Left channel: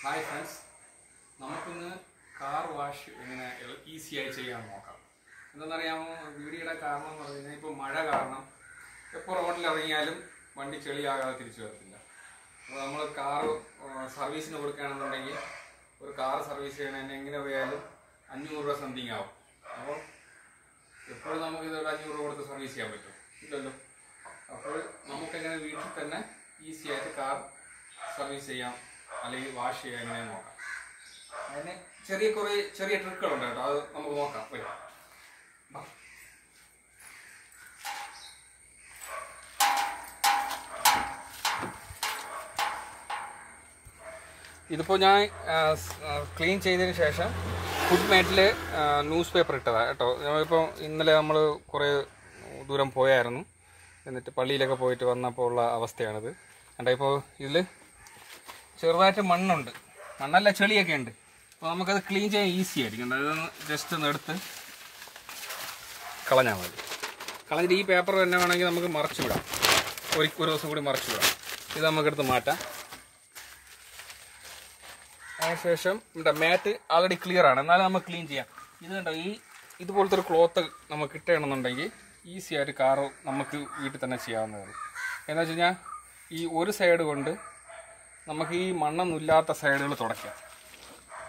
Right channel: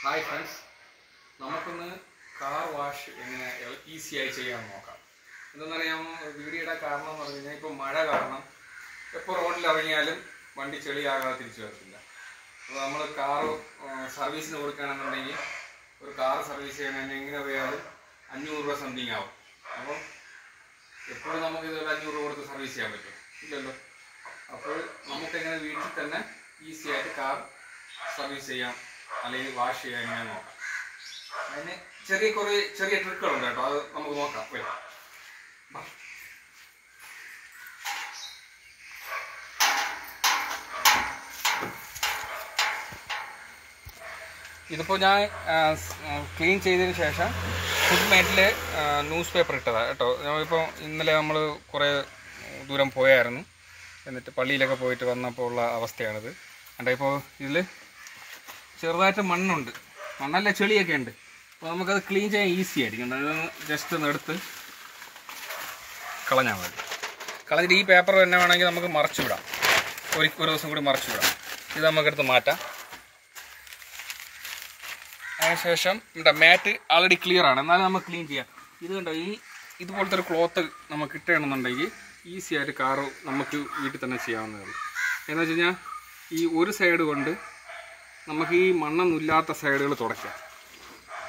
Hi friends, നമുക്കൊന്ന് car wash എങ്ങനെ ഈസിയായി ചെയ്യാൻ നോക്കാം. എന്തെന്നറിയാമോ, വീഡിയോയുടെ കാരണം എന്ന് പറഞ്ഞു കഴിഞ്ഞാൽ ഇപ്പോൾ മഴ കാരണം എപ്പോൾ റോഡിൽ ഇറങ്ങിയാലും വണ്ടി ചെളിയാകാതെ തിരിച്ചു വരത്തില്ല. അപ്പോൾ നമ്മൾ കാർ സർവീസിന് കൊടുക്കുകയാണെന്നുണ്ടെങ്കിൽ ഒരു കാർ സർവീസ് ചെയ്യണമെങ്കിൽ എങ്ങനെ പോയാലും 500 രൂപ സംതിങ് ആവും. അപ്പം എപ്പോഴും നമുക്ക് ഇതൊരു 500 രൂപ കൊടുത്ത് സർവീസ് ചെയ്യാൻ പറ്റും ഇല്ലല്ലോ. അപ്പോൾ നമുക്കെങ്ങനെ വീട്ടിൽ തന്നെ ഈസിയായിട്ട് കാർ സർവീസ് ചെയ്യാം അല്ലെങ്കിൽ വാഷ് ചെയ്യാൻ എങ്ങനെ നോക്കാം. അതിന് ചെറിയ ട്രിക്കുകളുണ്ട് കേട്ടോ, അത് നമുക്ക് നോക്കാം. ഇതിപ്പോൾ ഞാൻ ക്ലീൻ ചെയ്തതിന് ശേഷം ഫുഡ് മാറ്റിൽ ന്യൂസ് പേപ്പർ ഇട്ടതാണ് കേട്ടോ. നമ്മളിപ്പോൾ ഇന്നലെ നമ്മൾ കുറേ ദൂരം പോയായിരുന്നു, എന്നിട്ട് പള്ളിയിലൊക്കെ പോയിട്ട് വന്നപ്പോൾ ഉള്ള അവസ്ഥയാണിത്. കണ്ടോ, ഇപ്പോൾ ഇതിൽ ചെറുതായിട്ട് മണ്ണുണ്ട്, മണ്ണല്ല ചെളിയൊക്കെ ഉണ്ട്. അപ്പോൾ നമുക്കത് ക്ലീൻ ചെയ്യാൻ ഈസി ആയിരിക്കും. അതൊന്ന് ജസ്റ്റ് ഒന്ന് എടുത്ത് കളഞ്ഞാൽ മതി. കളഞ്ഞിട്ട് ഈ പേപ്പർ തന്നെ വേണമെങ്കിൽ നമുക്ക് മറച്ചു വിടാം, ഒരു ദിവസം കൂടി മറച്ചു വിടാം. ഇത് നമുക്കെടുത്ത് മാറ്റാം. അതിനുശേഷം ഇവിടെ മാറ്റ് ആൾറെഡി ക്ലിയർ ആണ്, എന്നാലും നമുക്ക് ക്ലീൻ ചെയ്യാം. ഇത് കണ്ടോ, ഇതുപോലത്തെ ഒരു ക്ലോത്ത് നമുക്ക് ഇട്ടണമെന്നുണ്ടെങ്കിൽ ഈസി ആയിട്ട് കാറ് നമുക്ക് വീട്ടിൽ തന്നെ ചെയ്യാവുന്നതാണ്. എന്ന് വെച്ച് കഴിഞ്ഞാൽ ഈ ഒരു സൈഡ് കൊണ്ട് നമുക്ക് ഈ മണ്ണൊന്നും ഇല്ലാത്ത സൈഡുകൾ തുടയ്ക്കാം.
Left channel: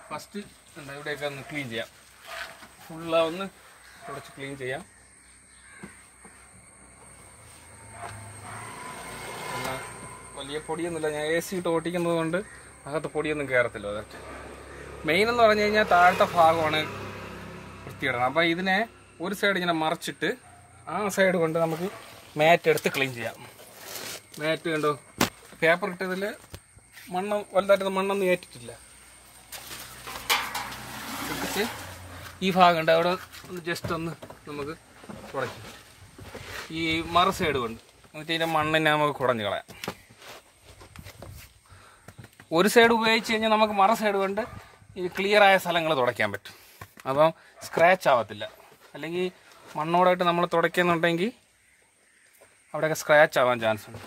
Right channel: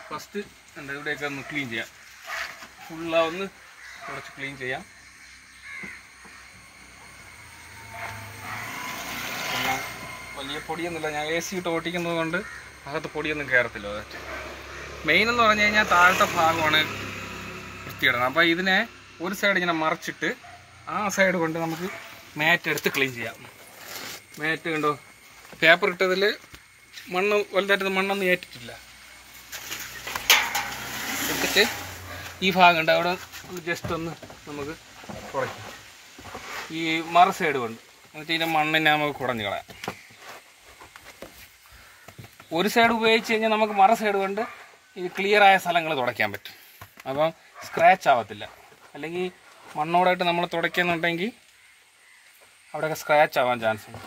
ഫസ്റ്റ് എന്താ ഇവിടെയൊക്കെ ഒന്ന് ക്ലീൻ ചെയ്യാം, ഫുള്ളാവൊന്ന് തുടച്ച് ക്ലീൻ ചെയ്യാം. എന്നാൽ വലിയ പൊടിയൊന്നുമില്ല, ഞാൻ AC ഇട്ട് ഓട്ടിക്കുന്നത് കൊണ്ട് അകത്ത് പൊടിയൊന്നും കയറത്തില്ല. അതൊക്കെ മെയിൻ എന്ന് പറഞ്ഞു കഴിഞ്ഞാൽ താഴത്തെ ഭാഗമാണ് വൃത്തിയിടണം. അപ്പോൾ ഇതിനെ ഒരു സൈഡ് ഇങ്ങനെ മറച്ചിട്ട് ആ സൈഡ് കൊണ്ട് നമുക്ക് മാറ്റ് എടുത്ത് ക്ലീൻ ചെയ്യാം. മാറ്റ് കണ്ടോ, പേപ്പർ ഇട്ടതിൽ മണ്ണ് വലുതായിട്ട് മണ്ണൊന്നും ഏറ്റിട്ടില്ല. ഇട്ടിട്ട് ഈ ഭാഗം ഉണ്ട്, അവിടെ ജസ്റ്റ് ഒന്ന് നമുക്ക് കുറയ്ക്കും ഈ മറ സൈഡ് കൊണ്ട്. എന്നിട്ട് ഇതിൻ്റെ മണ്ണിനെ നമുക്ക് കുടഞ്ഞു കളയാം. ഒരു സൈഡ് ഉപയോഗിച്ച് കഴിഞ്ഞാൽ നമുക്ക് മറ സൈഡ് കൊണ്ട് ഈ ക്ലിയറായ സ്ഥലങ്ങൾ തുടയ്ക്കാൻ പറ്റും. അപ്പം സ്ക്രാച്ച് ആവത്തില്ല. അല്ലെങ്കിൽ മണ്ണോടായിട്ട് നമ്മൾ തുടയ്ക്കുന്നുണ്ടെങ്കിൽ അവിടെയൊക്കെ സ്ക്രാച്ച് ആവാൻ ചാൻസ് ഉണ്ട്.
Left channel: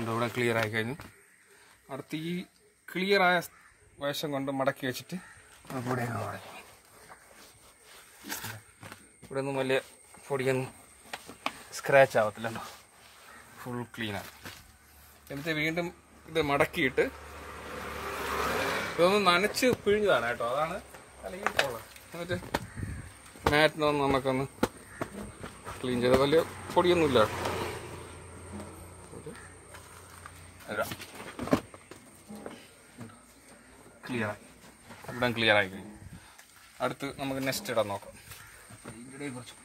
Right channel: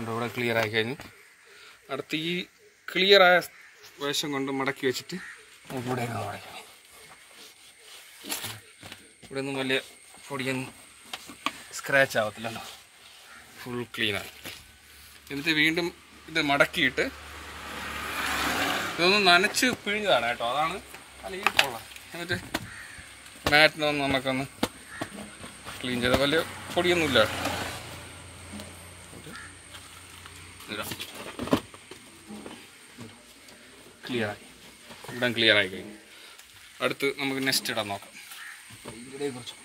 ഇവിടെ ക്ലിയർ ആയി കഴിഞ്ഞു. അടുത്ത് ഈ ക്ലിയറായ വേഷം കൊണ്ട് മടക്കി വെച്ചിട്ട് ഇവിടെ തുടയ്ക്കാം. ഇവിടെ ഒന്നും വലിയ പൊടിയൊന്നും സ്ക്രാച്ച് ആവത്തില്ലല്ലോ, ഫുൾ ക്ലീനാണ്. എന്നിട്ട് വീണ്ടും ഇത് മടക്കിയിട്ട് ഇതൊന്ന് നനച്ച് പിഴിഞ്ഞതാണ് കേട്ടോ, അതാണ് അല്ലെങ്കിൽ കൊള്ളാം. എന്നിട്ട് മാറ്റിനൊന്ന് നമുക്കൊന്ന് ക്ലീൻ ചെയ്ത് വലിയ പൊടിയൊന്നുമില്ല. ക്ലിയറായി, ഇവിടെ ക്ലിയറായി കഴിഞ്ഞു. അടുത്ത് നമുക്ക് നെക്സ്റ്റ് ഇടാൻ നോക്കാം. ഇവിടെ കുറച്ച്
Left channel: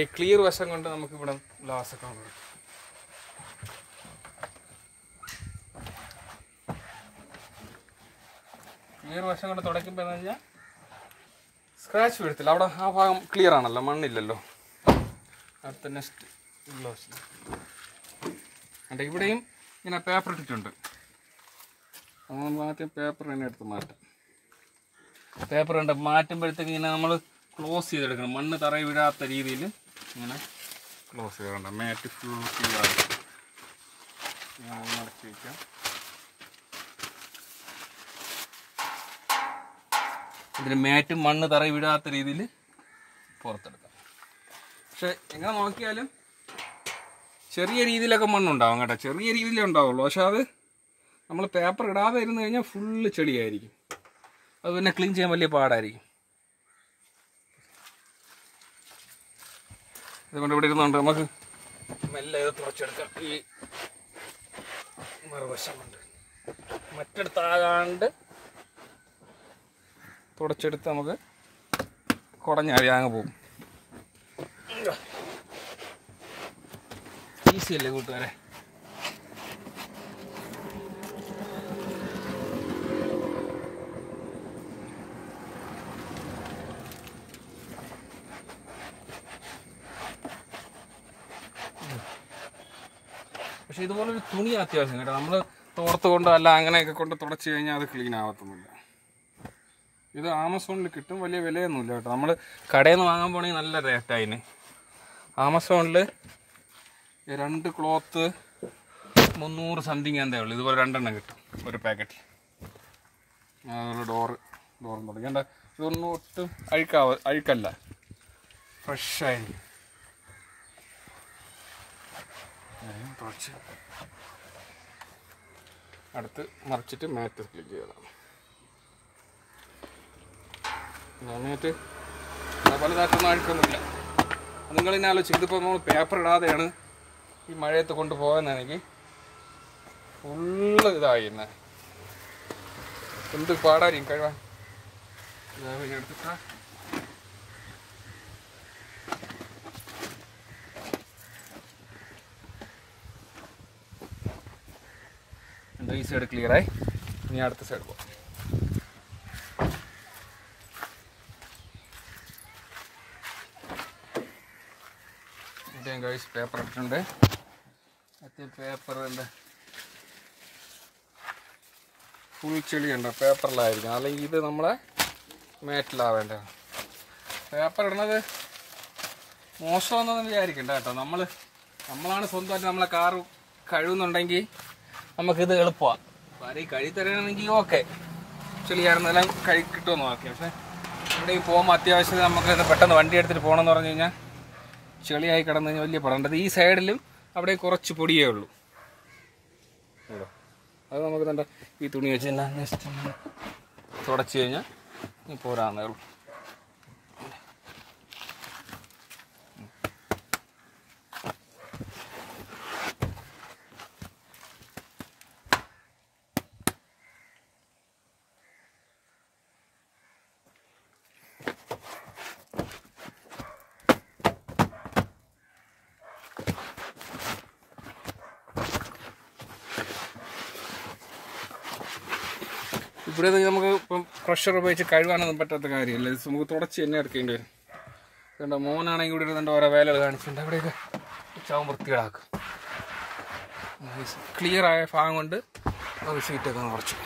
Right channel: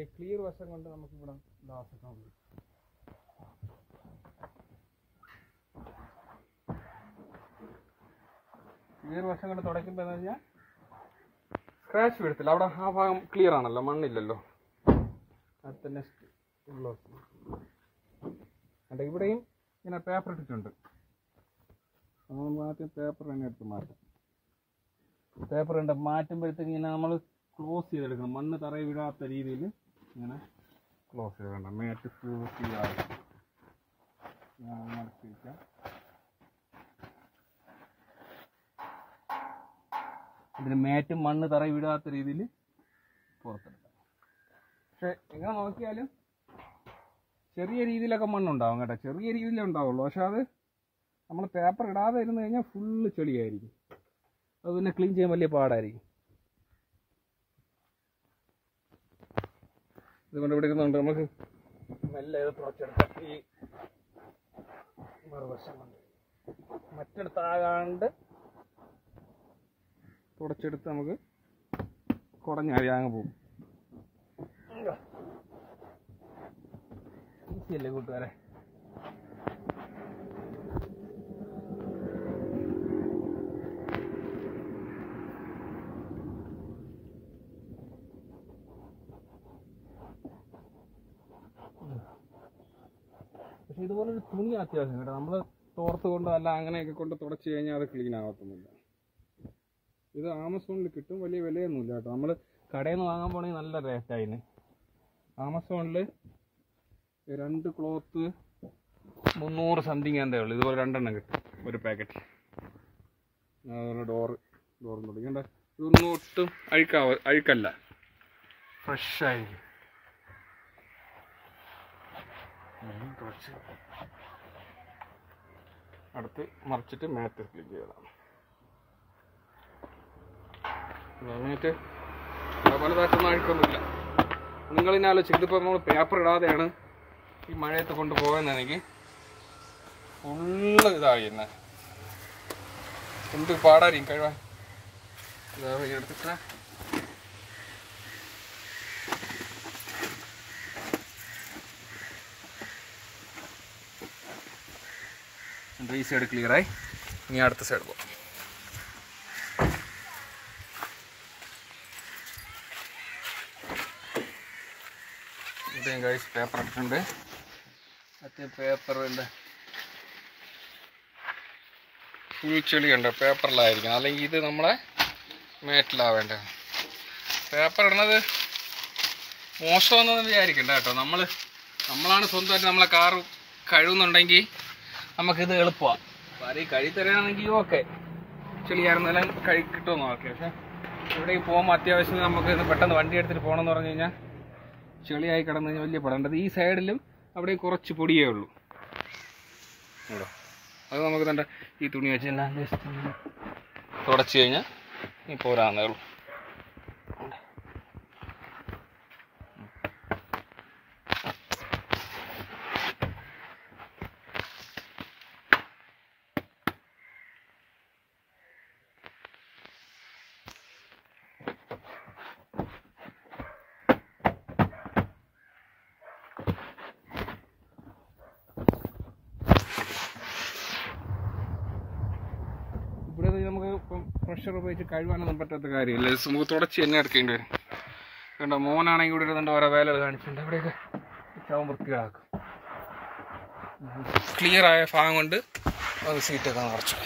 ഈ ക്ലിയർ വശം കൊണ്ട് നമുക്ക് ഇവിടെ ഗ്ലാസ്സൊക്കെ ഉണ്ട്. ക്ലിയർ വശം കൊണ്ട് തുടയ്ക്കുമ്പോൾ എന്ന് പറഞ്ഞാൽ സ്ക്രാച്ച് വീഴത്തില്ല. അവിടെ ആ ഭാഗം ക്ലിയർ ആണല്ലോ, മണ്ണില്ലല്ലോ. അടുത്ത നെക്സ്റ്റ് ഗ്ലൗസ് ഇവിടെയും ഇങ്ങനെ പേപ്പർ ഇട്ടിട്ടുണ്ട്. നമ്മൾ ആദ്യം പേപ്പർ തന്നെ എടുത്ത് മാറ്റാം. പേപ്പർ ഉണ്ട് മാറ്റുമ്പോഴത്തേക്ക് ഇങ്ങനെ നമ്മൾ ക്ലോസ് ചെയ്തെടുക്കണം, മണ്ണ് തറയിൽ വീഴാത്ത രീതിയിൽ ഇങ്ങനെ ക്ലോസ് ചെയ്യണ്ട. മാറ്റ് ഫുൾ ക്ലിയർ മടക്കി വയ്ക്കാം. ഇതിന് മാറ്റും മണ്ണ് തറയിൽ വീഴാത്ത രീതിയിൽ പുറത്തെടുക്കാം. പക്ഷെ എങ്ങനെ നോക്കിയാലും ചെറിയ രീതിയിലൊക്കെ മണ്ണുണ്ടാവും കേട്ടോ, ചെറിയ രീതിയിലേ ഉണ്ടാവുള്ളൂ. പക്ഷെ അത് നമ്മൾ പേപ്പർ ഇടാതെ ഇരുന്ന് കഴിഞ്ഞാൽ ഫുള്ള് ചെളിയായിരിക്കും. അത് പിന്നെ ക്ലീൻ ചെയ്യാൻ വലിയ പാടായിരിക്കും. ഇതുകൊണ്ട് ഇവിടെ ഇരുന്നുണ്ട് നമുക്ക് മെല്ലെ ഇത് തുറച്ചെടുക്കാം. ഈ മറുവശം കൊണ്ട് മറ്റെടുത്താകാണ്ട് തുടച്ചെടുത്ത് നമുക്ക് കുടഞ്ഞാടി അങ്ങ് പോകും. ഈസി അല്ലേ കൂട്ടുകാരെ? പക്ഷെ ഇതുപോലൊരു തുണി അത്യാവശ്യം കേട്ടോ. നമ്മൾ തോർത്ത് കൊണ്ട് അല്ല അങ്ങനെയൊക്കെ കൊണ്ട് തുടച്ച് കഴിഞ്ഞാൽ അത് ക്ലീൻ ആവത്തൊന്നുമില്ല. ഇത് ആമസോണിൽ കിട്ടും, വലിയ വിലയൊന്നുമില്ല കേട്ടോ. നമ്മൾ കടയിൽ നിന്ന് വാങ്ങാൻ പോണെങ്കിൽ നല്ല റേറ്റായിന്. ആമസോണിൽ 2 ക്ലോത്ത് 300 സംതിങ് എന്തേ ഉള്ളൂ. ഇതുപോലെ 2 എണ്ണം കിട്ടും ഒരു പാക്കറ്റ്. അതുപോലെ ഡോറും തുടങ്ങേണ്ട. ഇതൊന്നും ഒട്ടും അഴുക്കല്ല, ഫ്രഷായിരിക്കും. അടുത്ത് മറിച്ചിട്ട് മാറ്റ് ക്ലിക്ക് ചെയ്തതാണ്. എന്നിട്ട് പലതായിട്ടൊന്നും അഴുക്കൊന്നുമില്ല. നിങ്ങളിന്നെ ആലോചിച്ച്, ഇതിപ്പോൾ നമ്മൾ പേപ്പർ ഇടാതെയാണ് ഈ മഴയത്ത് കൊണ്ടുപോകാനാണെങ്കിൽ ഫുള്ള് ഇതായി തന്നെ. എന്ത് പാടായിരിക്കും കഴിവാൻ. എടുത്തിട്ടാ ഈ സൈഡ് ക്ലിയറായി. ഇനി അടുത്ത സൈഡ് പോകാം. ഇതേ ഗൈസ് പേപ്പർ എടുക്കുന്നുണ്ട്. മറ്റേ പേപ്പറിൻ്റെ ഫുൾ ചെളിയുണ്ട്, പേപ്പറിലായിരിക്കും. അല്ലെങ്കിൽ ഇത് നമ്മളെ മേറ്റിലാവേണ്ട. പേപ്പർ ഇടുന്നത് മോശമെന്നൊന്നും വിചാരിക്കണ്ട കേട്ടോ. നമ്മളാണ് സ്വന്തമായിട്ട് നമ്മളെ കാറ് കഴുകുന്നുണ്ടെങ്കിൽ നമുക്കിത് എളുപ്പമാണ്. ആരെയും കഴുകി തരാണെങ്കിൽ ഓക്കെ, ചെളിയായിരുന്നെല്ലാം കഴുകി കിട്ടുമെന്ന് നോക്കി. പക്ഷേ എവിടെയും പോകുമ്പോൾ അത്യാവശ്യം നമുക്ക് പെട്ടെന്ന് വണ്ടി എടുത്തിട്ട് പോകണമെന്ന് പറഞ്ഞു കഴിഞ്ഞാൽ ചെളിയായി കിടന്നു കഴിഞ്ഞാൽ വലിയ പടേണ്ടത്. ഈ സൈഡിലും അവിടെ കുറച്ച് പൊടിയേ ഉള്ളൂ. ഇവിടെ അത് നമുക്ക് തന്നെ ഈ തുണി വെച്ച് ജസ്റ്റ് തുടച്ച് കഴിഞ്ഞാൽ ഈ പോരാന്നേ ഉള്ളൂ. ഇവിടെ നമുക്ക് ഇപ്പം പ്രഷർ ഉപയോഗിച്ച് കഴുകാനൊന്നും പറ്റാത്ത കാര്യമില്ല. നമുക്ക് തുടച്ച് തന്നെ എടുക്കേണ്ടി വരും. കണ്ടോ, മോനാണെങ്കിൽ ഇവിടെ ഇരുന്നുണ്ട് ഓരോ വേല കാണിച്ചിട്ടുണ്ട്. അവിടെയൊക്കെ ചാവും വൃത്തികളാക്കും. ക്ലിയറായ ഭാഗം കൊണ്ട് നമുക്ക് സീറ്റൊക്കെ കുറച്ച്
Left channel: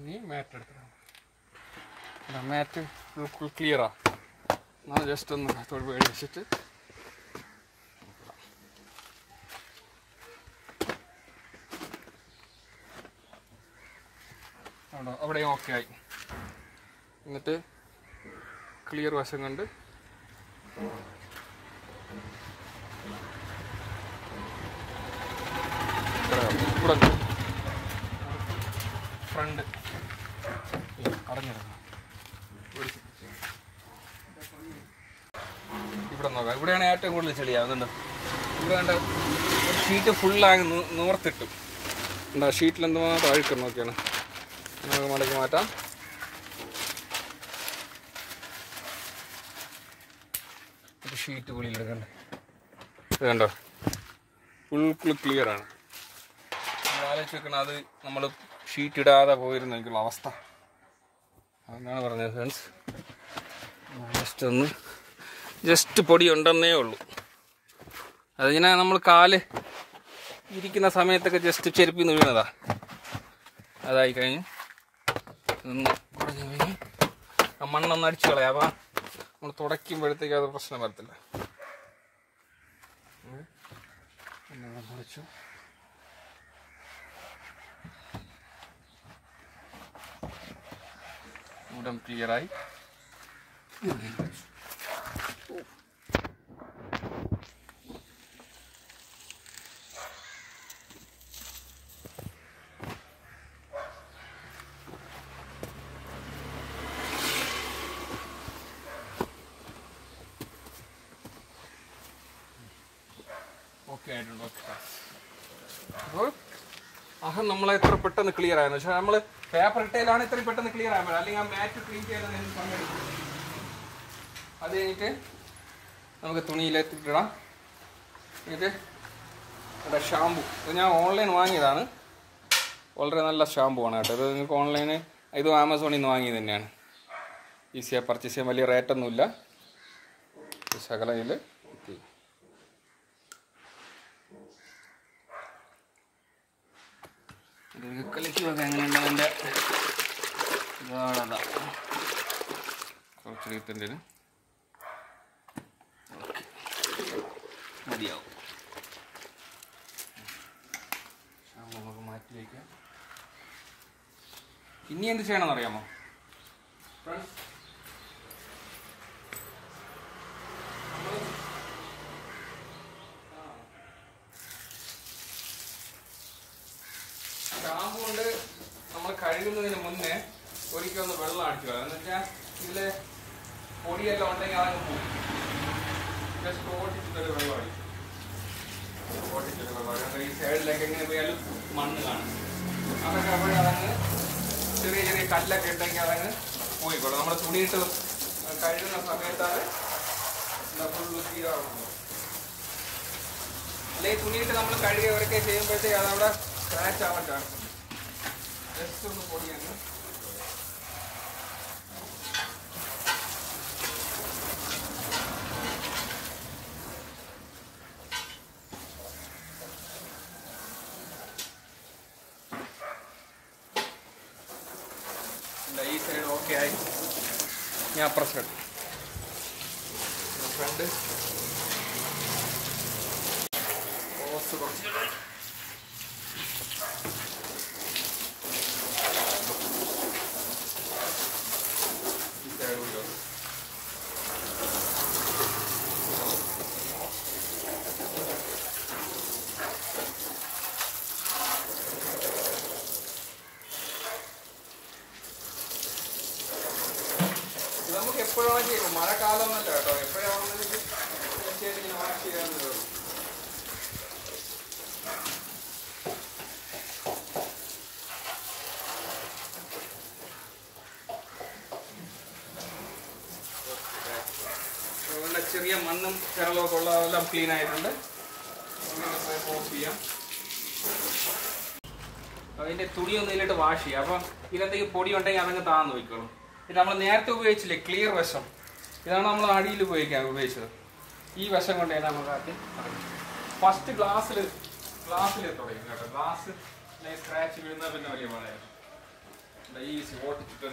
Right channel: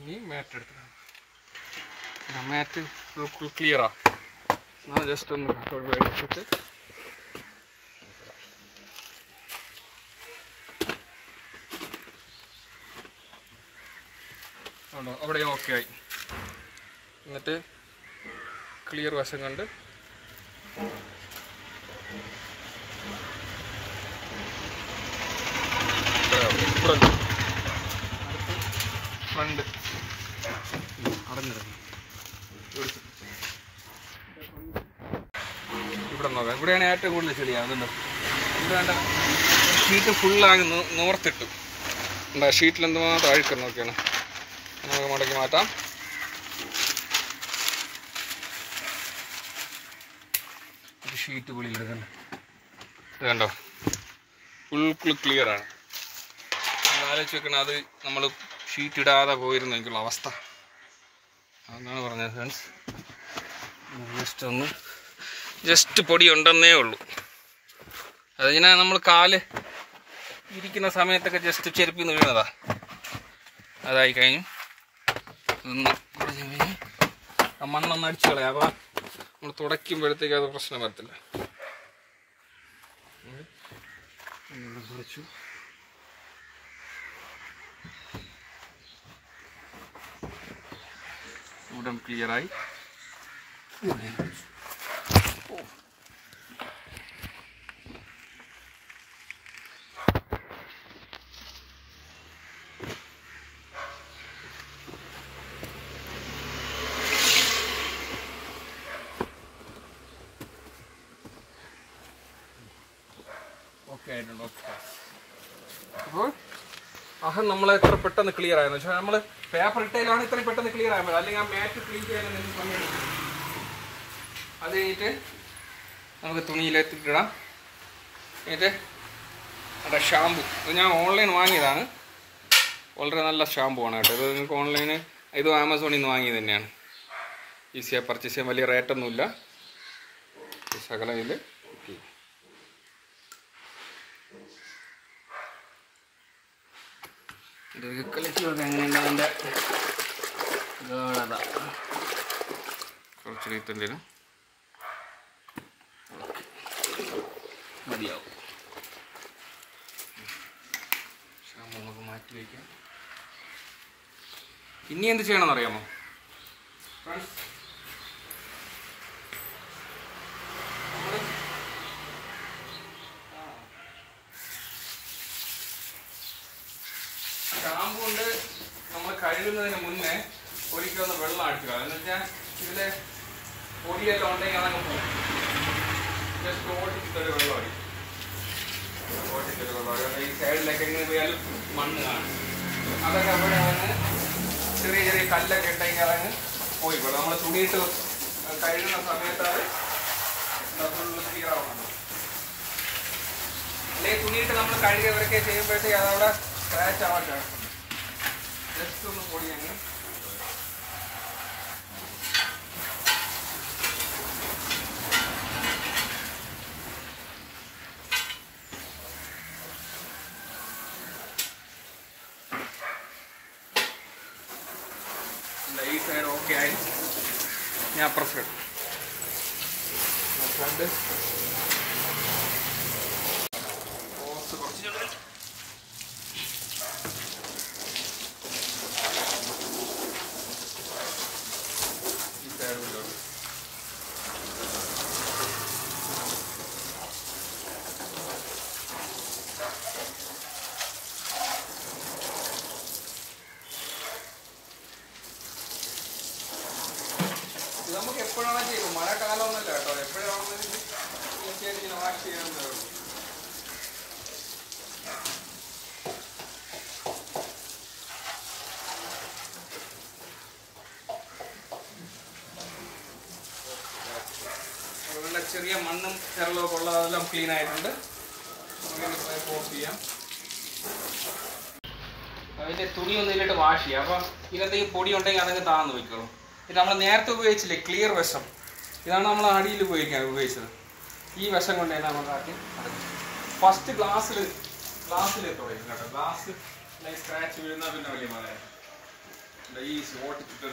ഇനി മാറ്റ് എടുത്തിട്ടാണ്. മാറ്റ് ഫുൾ ക്ലിയറാണ്. നമ്മൾ ജസ്റ്റ് ഒന്ന് വെച്ചിട്ട് അവിടെ ഓക്കെ ആയി. എന്നിട്ട് ക്ലിയർ വശം കണ്ട് ഫ്രണ്ട് അടഞ്ഞിരുന്നു. ഇവിടെ നോക്കാം. ഇവിടെയാണ് ഏറ്റവും കൂടുതൽ ചെളിയാവുന്നുണ്ടോ. ഇവിടെ വേണ്ട ഷീറ്റ് ഫുള്ളാകി നൂർത്തിട്ടു. എന്താ ഷീറ്റിൽ എന്തുമാത്രം അഴുക്ക് നോക്കിയാണ്. നമുക്ക് മടക്കി മാറ്റാം. ഷീറ്റ് പുള്ളിയിലെടുക്കണ്ട. ഇത് കണ്ടോ, ഫുൾ ക്ലിയറാണ്. നമ്മൾ ആലോചിച്ച് വെക്കണം, അത് നമ്മൾ ഷീറ്റ് ഇടാതെ പോയിരുന്നു എനിക്കുള്ള അവസ്ഥ. അതാണ് പറഞ്ഞത് ഫ്രണ്ട്സ്. ജസ്റ്റ് പൊടി ഉണ്ടെന്നേ ഉള്ളൂ. അതിങ്ങനെ നമ്മൾ കാല് ഇരിക്കുന്ന സമയത്തൊക്കെ ജസ്റ്റ് ചെരുപ്പിൽ നിന്ന് വീണതാ. അതായി കഴിഞ്ഞു. ആ മണ്ണൊന്ന് അടിച്ചു കളയാം. അപ്പോൾ നമ്മൾ തുടയ്ക്കുമ്പോഴത്തേക്ക് അത് പ്രശ്നം വരത്തില്ല. കുറച്ചു ഇവിടെ ക്ലിയറായി. ഓക്കെ ആയിട്ടുണ്ട്. ഓക്കെ. അപ്പോൾ അഹം നമ്മളെ എത്ര പെട്ടെന്ന് ക്ലിയർ ആയെന്ന് വെച്ചാൽ നമ്മൾ പേപ്പർ ഇട്ടയിലാണ് ഇത്രയും പെട്ടെന്ന് ക്ലിയർ ആയത്. അല്ലെങ്കിൽ ആ മാറ്റ് ക്ലീൻ ചെയ്യാൻ സമയം. അത് കഴിഞ്ഞിട്ട് നമുക്ക് തുണിയിലെത്തിട്ടിടാം. എന്നിട്ട് അവിടെ ഷാമ്പു, ഇത് ഞാൻ ഓൺലൈൻ വാങ്ങിയതാണ്. വളരെ നല്ല ഷാമ്പു ആണ് കേട്ടോ. ഇത് നിങ്ങൾക്ക് ഓൺലൈന്, ഇത് ആമസോണിൽ നിന്ന് വാങ്ങിയത് തന്നെയാണ്. ഈസിയായി പർച്ചേസ് ചെയ്യാൻ, വലിയ റേറ്റൊന്നുമില്ല. ശകലം ഇതിൽ കുത്തി ഇതൊക്കെ കളിക്ക് നോക്കാം എങ്ങനെയുണ്ട് അതിൻ്റെ ഗാഢത. കുറച്ച് റീത്തേണ്ടി വരും. ഓക്കെ, മതിയാവും. നമുക്ക് മാറ്റി വയ്ക്കാം. ഇനി എന്ത് ചെയ്യണമെന്ന് അറിയാമോ ഫ്രണ്ട്സ്? ഷാമ്പു കൊണ്ട് നമ്മൾ കഴുകുന്നതിന് മുന്നേ ഒരിക്കലൊന്ന് വെള്ളം അടിക്കുക. എന്ന് വെച്ചാൽ ഇതിലെ പൊടിയെല്ലാം ഉണ്ടെങ്കിൽ അതങ്ങ് പോകും. ജസ്റ്റ് ഓടിച്ചിട്ടൊരു വെള്ളം അടിക്കും. ഓടിച്ചിട്ടൊരു വെള്ളം അടിക്കും. ഈ സൈഡിലൊക്കെ എങ്ങനെ പോയാലും മണ്ണ് കാണും. അതൊക്കെ അവിടെ അതങ്ങ് ചെറിയ ചെറിയ കല്ലൊക്കെ ഉണ്ടെങ്കിൽ അതങ്ങ് പോയിക്കോളും. നമ്മൾ തുണിയിട്ട് കഴുകുന്ന സമയത്ത് അത് ഫുള്ള് ക്ലിയർ ആവുന്നുണ്ട്. അല്ലെങ്കിൽ തുണിയിട്ട് നമ്മൾ കഴുകിയവരൊക്കെ ചെയ്യുമ്പോഴത്തേക്ക് അതവിടെ സ്ക്രാച്ച് ആവാൻ ചാൻസ് ഉണ്ട്. ജസ്റ്റ് ഒന്ന് പൊടിയാണ്. ഈ സൈഡ് ഓക്കെ ആയി. ഞാൻ അപ്പുറ സൈഡ് ഫ്രണ്ട് കുറച്ച് ഈ സൈഡ് ഉണ്ടോ? നമുക്ക് എപ്പോഴാണ് ചെയ്യും, മഴക്കാലമൊന്നുമല്ല കേട്ടോ. എപ്പോഴാണെന്ന് ഇങ്ങനെ വാഷ് ചെയ്യാൻ വരും. അതുകൊണ്ട് ചെറിയ മണ്ണും ചെറലൊക്കെ ഉള്ളതെല്ലാം ക്ലീൻ ആയിട്ടുണ്ട്. ഓഫ് ചെയ്യാം. അതിൻ്റെ തുണിയൊന്നും ഇതിലിട്ട് വാഷ് ചെയ്യാം. അപ്പം ഇതിനകത്തേക്ക് പൊടി ഉണ്ടെങ്കിൽ അതങ്ങ് താന്ന് വയ്ക്കണം. ഇത് നമ്മൾ നേരത്തെ ഉപയോഗിച്ചില്ലേ ക്ലിയർ വശം, ഇതാണ് നമ്മൾ അടിയിൽ ഉപയോഗിച്ചത്. ഈ വശം കൊണ്ടാണ് നമുക്ക് ആദ്യം ഫസ്റ്റ് ഗ്ലാസ്സിൽ തുടങ്ങി കേട്ടോ. ഗ്ലാസ് സ്ക്രാച്ച് വീഴുന്ന പിന്നെ വലിയ മഴ ഈ ഓട്ടിച്ചിട്ട്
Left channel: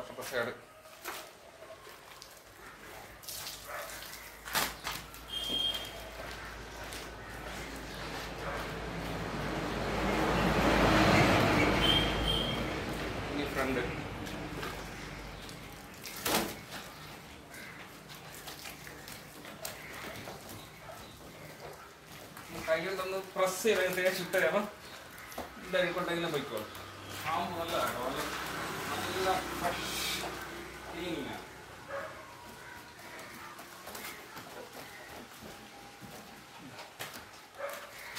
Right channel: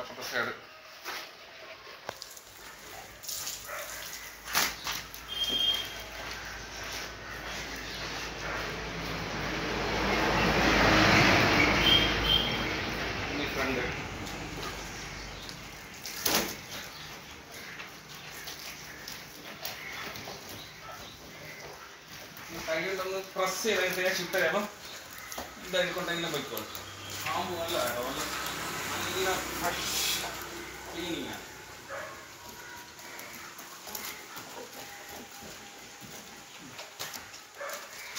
അപ്പുറത്തെ സൈഡ് ഫ്രണ്ട് കൈകൊണ്ടൊന്ന് പ്രസ് ചെയ്ത് തേച്ചിട്ട് അപ്പം ഇതായിക്കൊണ്ടെങ്കിലും പോയിക്കോളും. ഷാമ്പു നല്ല കേട്ടോ, നല്ല ഫ്രഷ് ക്ലീനിങ് ആണ്.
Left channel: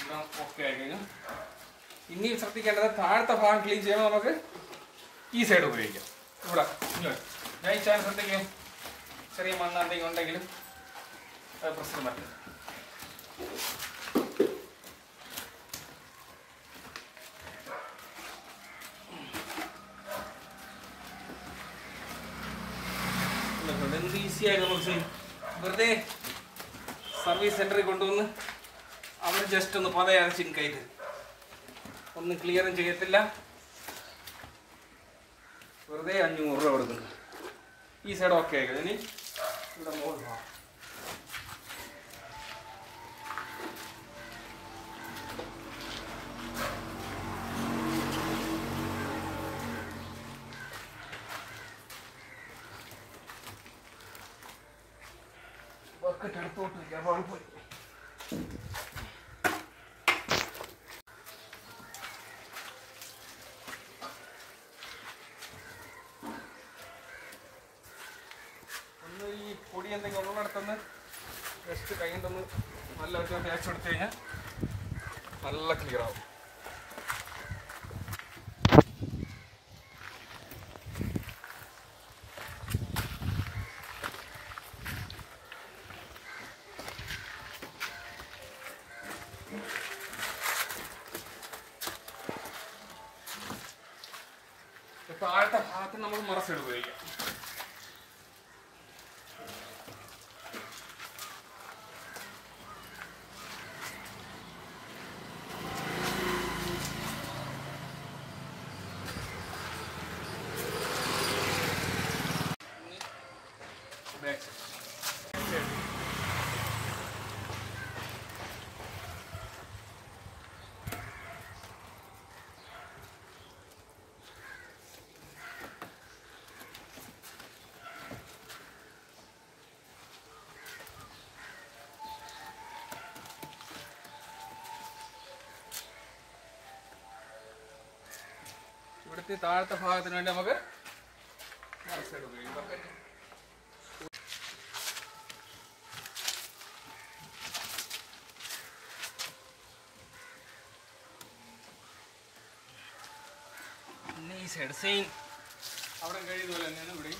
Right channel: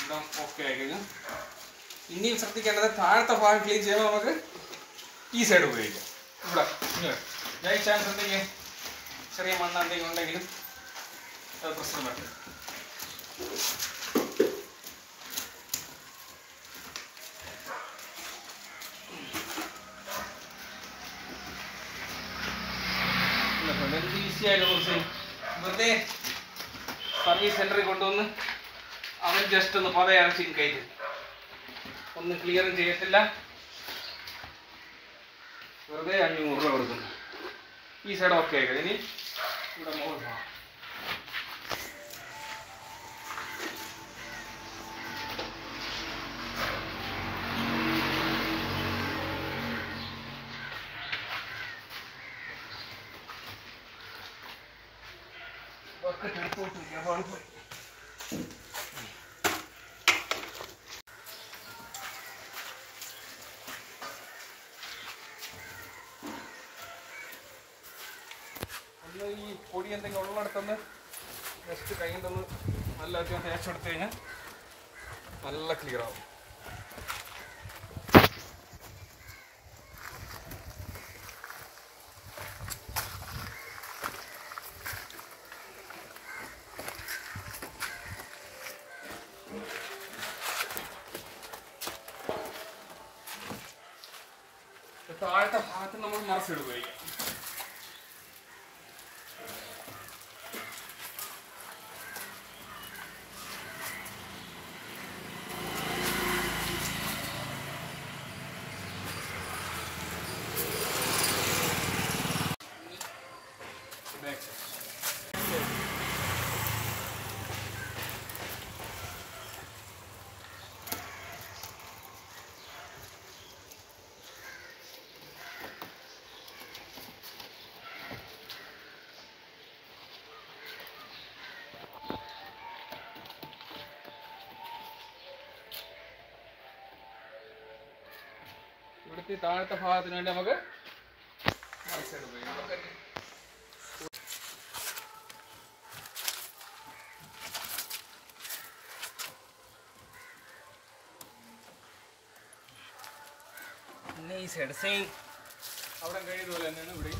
എല്ലാം ഓക്കെ ആയി കഴിഞ്ഞു. ഇനിയും ശ്രദ്ധിക്കേണ്ടത് താഴത്തെ ഭാഗം ക്ലീൻ ചെയ്യുമ്പോൾ നമുക്ക് ഈ സൈഡ് ഉപയോഗിക്കാം. ഇവിടെ ബൈ ചാൻസ് എന്തെങ്കിലും ചെറിയ മണ്ണ് എന്തെങ്കിലും ഉണ്ടെങ്കിലും അത് പ്രശ്നം പറ്റും. എന്ത് ഈസി ആയിട്ട് കുറച്ച് വെറുതെ സർവീസ് സെന്ററിൽ കൊണ്ടുവന്ന് അവൻ ജസ്റ്റ് ഒന്ന് പതയരച്ചിട്ട് കയറ്റി ഒന്നും ക്ലിയറും ചെയ്യത്തില്ല. വെറുതെ 500 രൂപ കൊടുക്കുന്നു. ഈ സൈഡ് ഓക്കെ ആയിക്കോ. ഇനി ഇവിടെ മുകളിൽ ബക്കറ്റ് എടുത്തോട്ട് വയ്ക്കാം. അപ്പോൾ പോയി ഈ പൊടി എന്തെങ്കിലും ഉള്ളിടത്തുനിന്ന് ജസ്റ്റ് കൈ കൊണ്ടൊന്ന് നല്ല തേച്ചെടുത്ത് കഴിഞ്ഞാൽ നല്ല ക്ലിയർ ആവും. താഴത്തെ ഭാഗത്ത് നമ്മൾ മറച്ചെടു ഉപയോഗിക്കാം. ഇവിടുത്തെ താഴത്തെ ഭാഗത്തിന് വേണ്ടി നമുക്ക് മറച്ചെടു ഉപയോഗിക്കാം. പിന്നെ ഈ സൈഡ് സെയിം അവിടെ കഴിയുന്നതുപോലെ തന്നെയാണ് ഇവിടെ.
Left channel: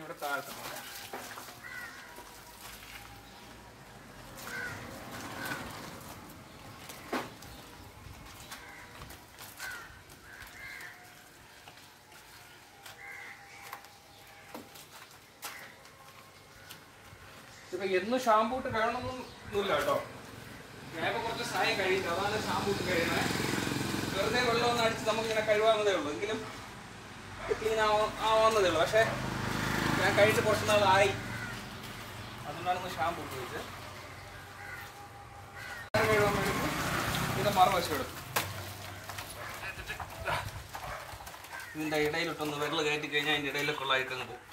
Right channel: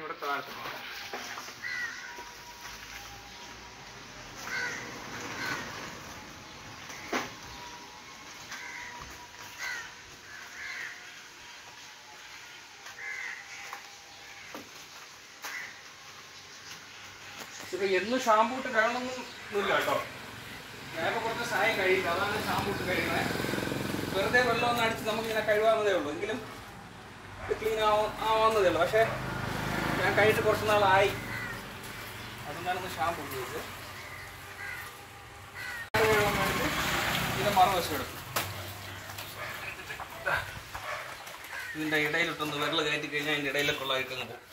ഇവിടെ താഴത്ത് ഇപ്പൊ എന്ന് ഷാമ്പൂ ഇട്ട് കഴുകണമെന്നൊന്നുമില്ല കേട്ടോ. ഞാനിപ്പോൾ കുറച്ച് സമയം കഴിയും, അതാണ് ഷാമ്പൂ ഇട്ട് കഴുകുന്നത്. വെറുതെ വെള്ളം ഒന്ന് അടിച്ച് നമുക്കിങ്ങനെ കഴുകാവുന്നതേ ഉള്ളൂ, എങ്കിലും ക്ലീൻ ആവാവുന്നതേ ഉള്ളൂ. പക്ഷേ ഞാൻ കഴിച്ചിട്ട് കുറച്ച് നാളായി, അതുകൊണ്ടാണ് ഇന്ന് ഷാമ്പൂ ഉപയോഗിച്ചത്. ഇതിൻ്റെ മറുവശം എടുക്കും, ഇതിൻ്റെ ഇടയിലിട്ടൊന്ന് വിരൽ കയറ്റി കഴിഞ്ഞാൽ അതിൻ്റെ ഇടയിലൊക്കെ ഉള്ള അഴുക്കങ്ങ് പോകും.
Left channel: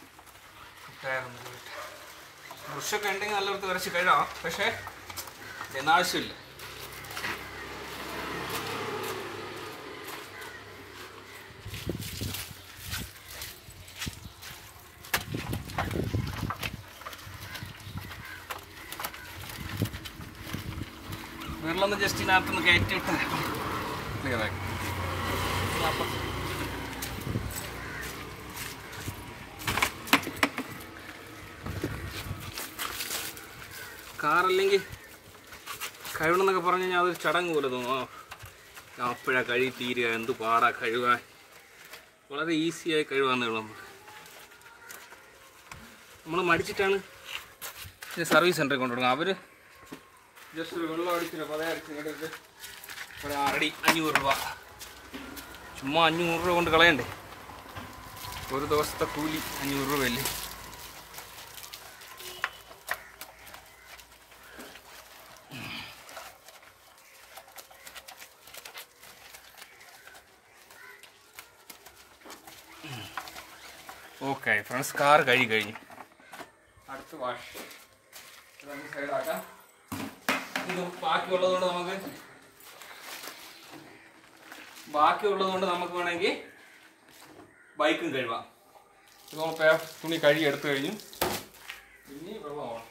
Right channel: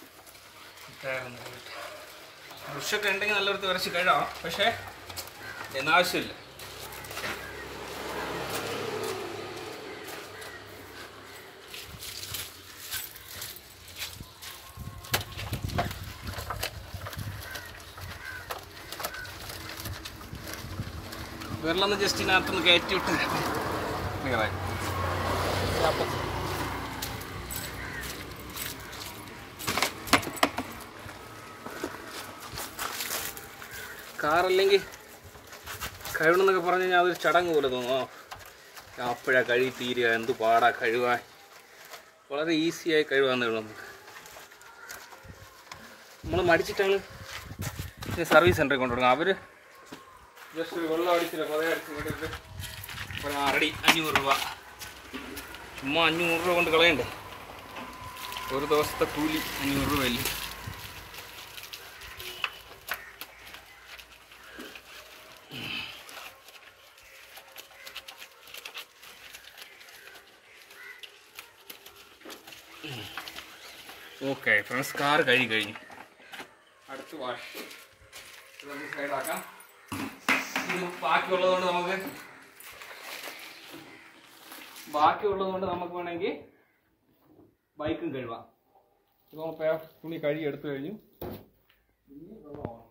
ബ്രഷൊക്കെ ഉണ്ടെങ്കിൽ നല്ല വൃത്തി വരച്ച് കഴുകാം, പക്ഷേ എന്നാവശ്യമില്ല. വിരലൊന്ന് ജസ്റ്റ് ഇതിനകത്തൊന്ന് കയറ്റി വിട്ട് ക്ലിയറായി. കാറല്ലെങ്കിൽ കഴുകണമെന്നൊക്കെ പറഞ്ഞു കഴിഞ്ഞാൽ അതൊരു ചടങ്ങ് പോലെ തോന്നുമോ, അപ്പോഴാണ് കഴുകി തീരുക, എന്ത് പാടാ കഴുകാൻ. വളരെ ഈസിയായി കഴുകാന്നേ ഉള്ളൂ. നമ്മൾ മടിച്ചിട്ടാണ് സർവീസ് സെൻ്ററിൽ കൊണ്ടുപോകുന്നത്. അവർ ജസ്റ്റ് ഒരു വെള്ളം അടിച്ചില്ല, പതേ അടിച്ച് ഇങ്ങോട്ട് അരടി 500 രൂപ. ചുമ്മാ 500 രൂപ കൊണ്ട് കളയണ്ടേ, ഒരു ദിവസത്തെ കൂലി 500 രൂപയല്ലേ. ഓക്കെ ഫ്രണ്ട്സ്, കാർ കഴുകി കഴിഞ്ഞു. അടുത്ത് വാഷ് നമുക്ക് സൈഡാക്കാം. ഇത് ബാക്കിയുള്ളതുകൊണ്ട് നമുക്ക് വേണമെങ്കിൽ ബൈക്കും കഴുകാം. ഇത് നമ്മൾ തുണി കഴുകി എടുത്തു കഴിഞ്ഞു. ഇനി വെള്ളമാണ്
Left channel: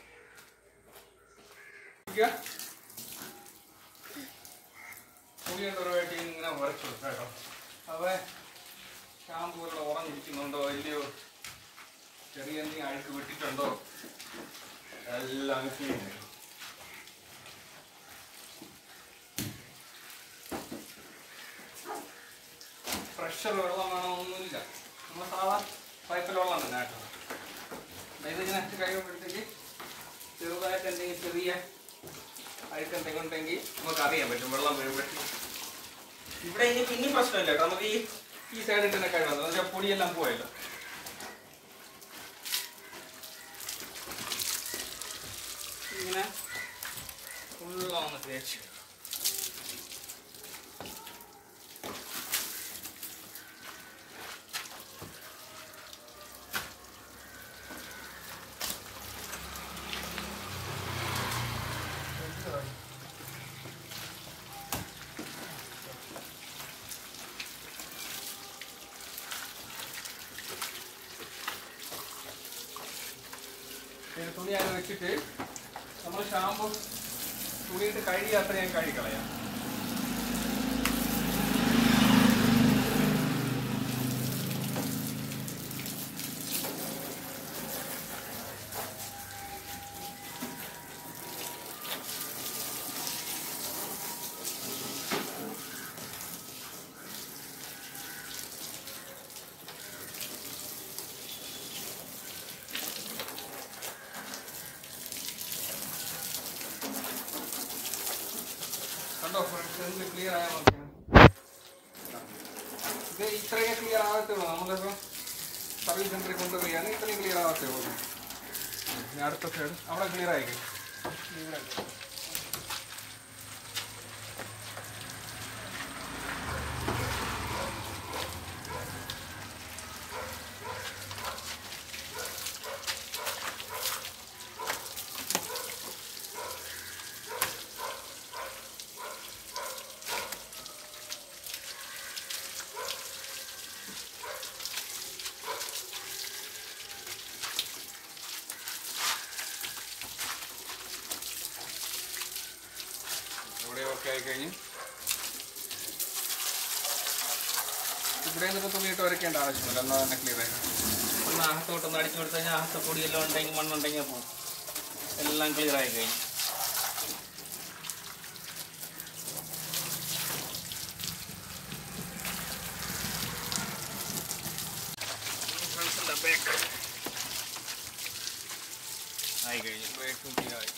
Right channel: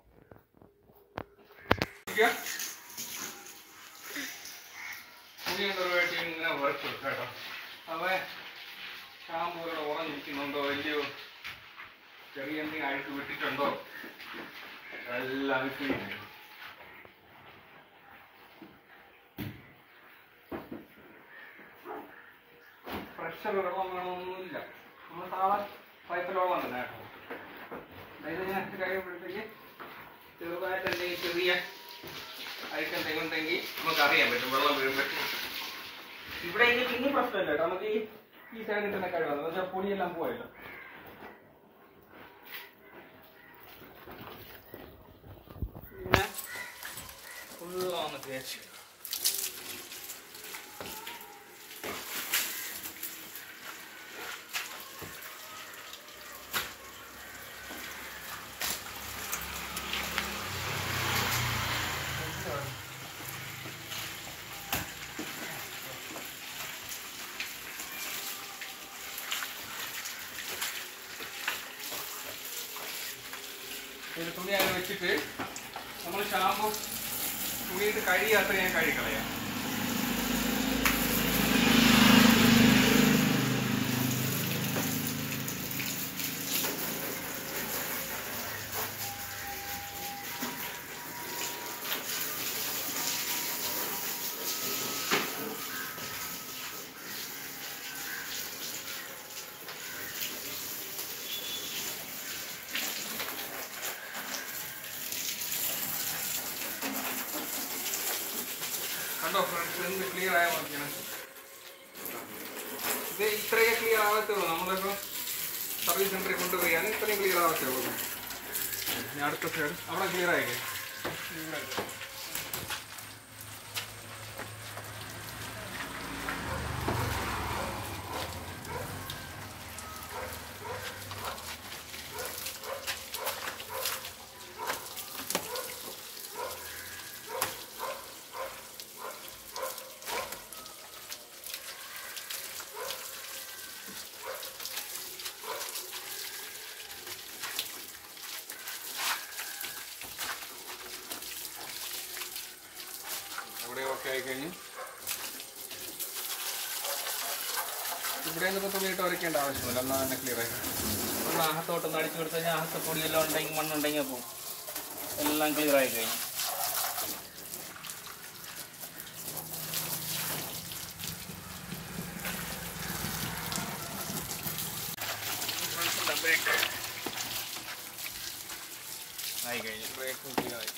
തുണി എന്തൊരുമായിട്ട് ഇങ്ങനെ ഉറച്ചു കേട്ടോ. അത് ഷാമ്പൂ ഒക്കെ ഉറഞ്ഞിരിക്കുന്നുണ്ടോ ഇല്ലയോ, ചെറിയ എന്തെങ്കിലും അഴുക്ക് വിട്ടിട്ടുണ്ടോ, എല്ലാം ക്ലീൻ ചെയ്യും. പ്രഷർ വെള്ളം വേണമെന്നൊന്നുമില്ല, നമ്മൾ സാധാ പൈപ്പിൽ വെള്ളം തന്നെ കേട്ടോ. ഇതിങ്ങനെ കഴിയുമ്പോഴത്തേക്ക് ചെറുതായിട്ട് എന്തെങ്കിലും ചെറിയ അഴുക്കെന്തെങ്കിലും ഉണ്ടെങ്കിൽ നമുക്ക് അറിയാൻ പറ്റും, വെള്ളം വീഴുമ്പോഴത്തേക്ക്. ഇവിടെ എങ്കിൽ പിന്നെയും പ്രശ്നമില്ല കേട്ടോ, നമുക്ക് ഈ സൈഡിൽ തന്നെ കഴിവാം, എന്നുവെച്ചാൽ പൊടിയെല്ലാം പോയല്ലോ. ഇങ്ങനെ ഫുള്ളാന്ന് തേച്ച് തുണി അങ്ങ് വെച്ചിട്ട് നമ്മൾ ഷാമ്പു തുണിയിട്ട് കഴിയാത്ര ഞാൻ കഴിക്കളയാം. കണ്ടോ ഫ്രണ്ട്സ്, എന്ത് ക്ലിയർ ആയാൽ നോക്കിയാണ്. ഇത് ഇത്രയൊക്കെ ക്ലിയർ ആവത്തേ ഉള്ളൂ. നമ്മളിപ്പോൾ സർവീസ് സെൻ്ററിൽ കൊണ്ടുപോയാണ് ഇത്രയും ക്ലിയർ ആവത്തേ ഉള്ളൂ. ഇനി അടുത്ത സൈഡ് അവിടെ ക്ലിയർ ആയില്ലേ? ഇവിടെ ഓക്കെ ആയിക്കഴിഞ്ഞു. ഇവിടെ നിന്നിപ്പോൾ തുണിയിട്ട് വരയ്ക്കേണ്ട ആവശ്യമില്ല, എന്നാൽ തന്നെ ക്ലിയർ ആയി. ഒന്ന് അകത്തോട്ടൊന്ന് അടിച്ചു കൊടുത്തു കഴിഞ്ഞാൽ അകത്ത് പൊടിയെല്ലാം ഉണ്ടെങ്കിൽ മണ്ണുണ്ടെങ്കിൽ പോകും. എല്ലാം ക്ലിയർ ആയി കഴിഞ്ഞു. ആയി കഴിഞ്ഞു. ബ്രേക്കും ക്ലിയർ ആയി.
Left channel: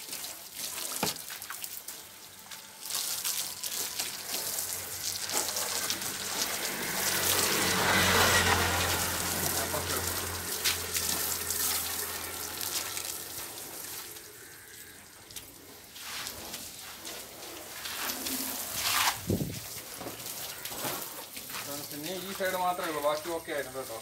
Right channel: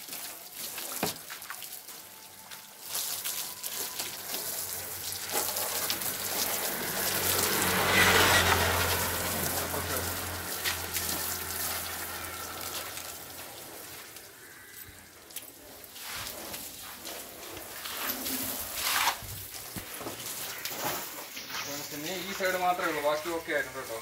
പിന്നെ ഈ സൈഡ് മാത്രമേ ഉള്ളൂ, ബാക്കി ഓക്കെ ആയിട്ടുണ്ട് കേട്ടോ.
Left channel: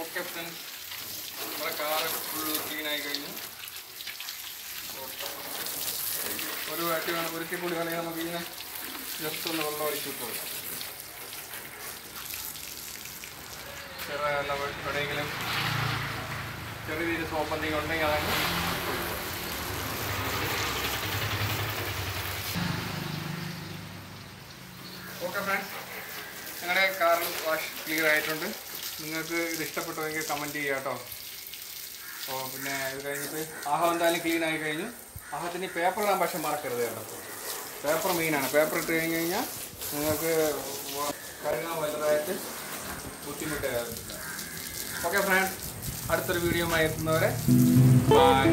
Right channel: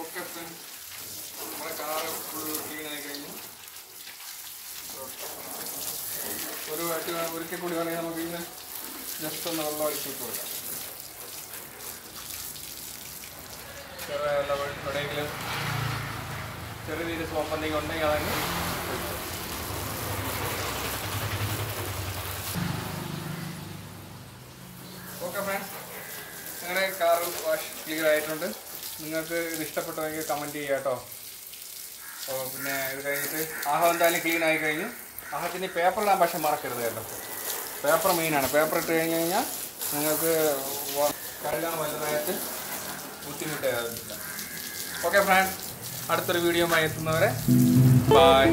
ഓക്കെ ഫ്രണ്ട്സ്, നമ്മുടെ കാറ് ഫുൾ ക്ലീൻ ആയി കഴിഞ്ഞു. ഒരു ആയിട്ട് വേണം ഒരിക്കൽ കൂടി വേണമെങ്കിൽ നമുക്ക് ഇങ്ങനെ ജസ്റ്റ് ഒന്ന് വെള്ളം ഒഴിച്ചിട്ട് കൊടുക്കാം. എവിടെയെങ്കിലും ചെറിയ രീതിയിൽ സോപ്പ് എന്തെങ്കിലും ഉണ്ടെങ്കിൽ അതാണ്. ഓക്കെ ഫ്രണ്ട്സ്, ഞങ്ങളുടെ കാർ വാഷ് ക്ലിയർ ആയിട്ടുണ്ട്. നിങ്ങൾക്ക് ഇത് ഇഷ്ടപ്പെട്ടെങ്കിൽ കമൻറ്റ് ചെയ്യുക കേട്ടോ. അപ്പോൾ പിന്നെ ഇത് കഴിഞ്ഞിട്ട് ആഹം എന്തായാലും ക്ലീൻ ആയി കഴിഞ്ഞു. ആഹത്തിന് പേപ്പറിലാണ് പക്ഷെ മറക്കരുത് കേട്ടോ. പേപ്പർ മെയിനാണ്. പേപ്പർ ഇട്ട് കഴിഞ്ഞ് കഴിഞ്ഞാൽ നിങ്ങൾക്ക് കഴുകാൻ വലുതായിട്ട് ബുദ്ധിമുട്ടാകുന്നില്ല. ഓക്കെ ഫ്രണ്ട്സ്, അടുത്തൊരു വീഡിയോ എത്തുന്നവരെ ബൈ.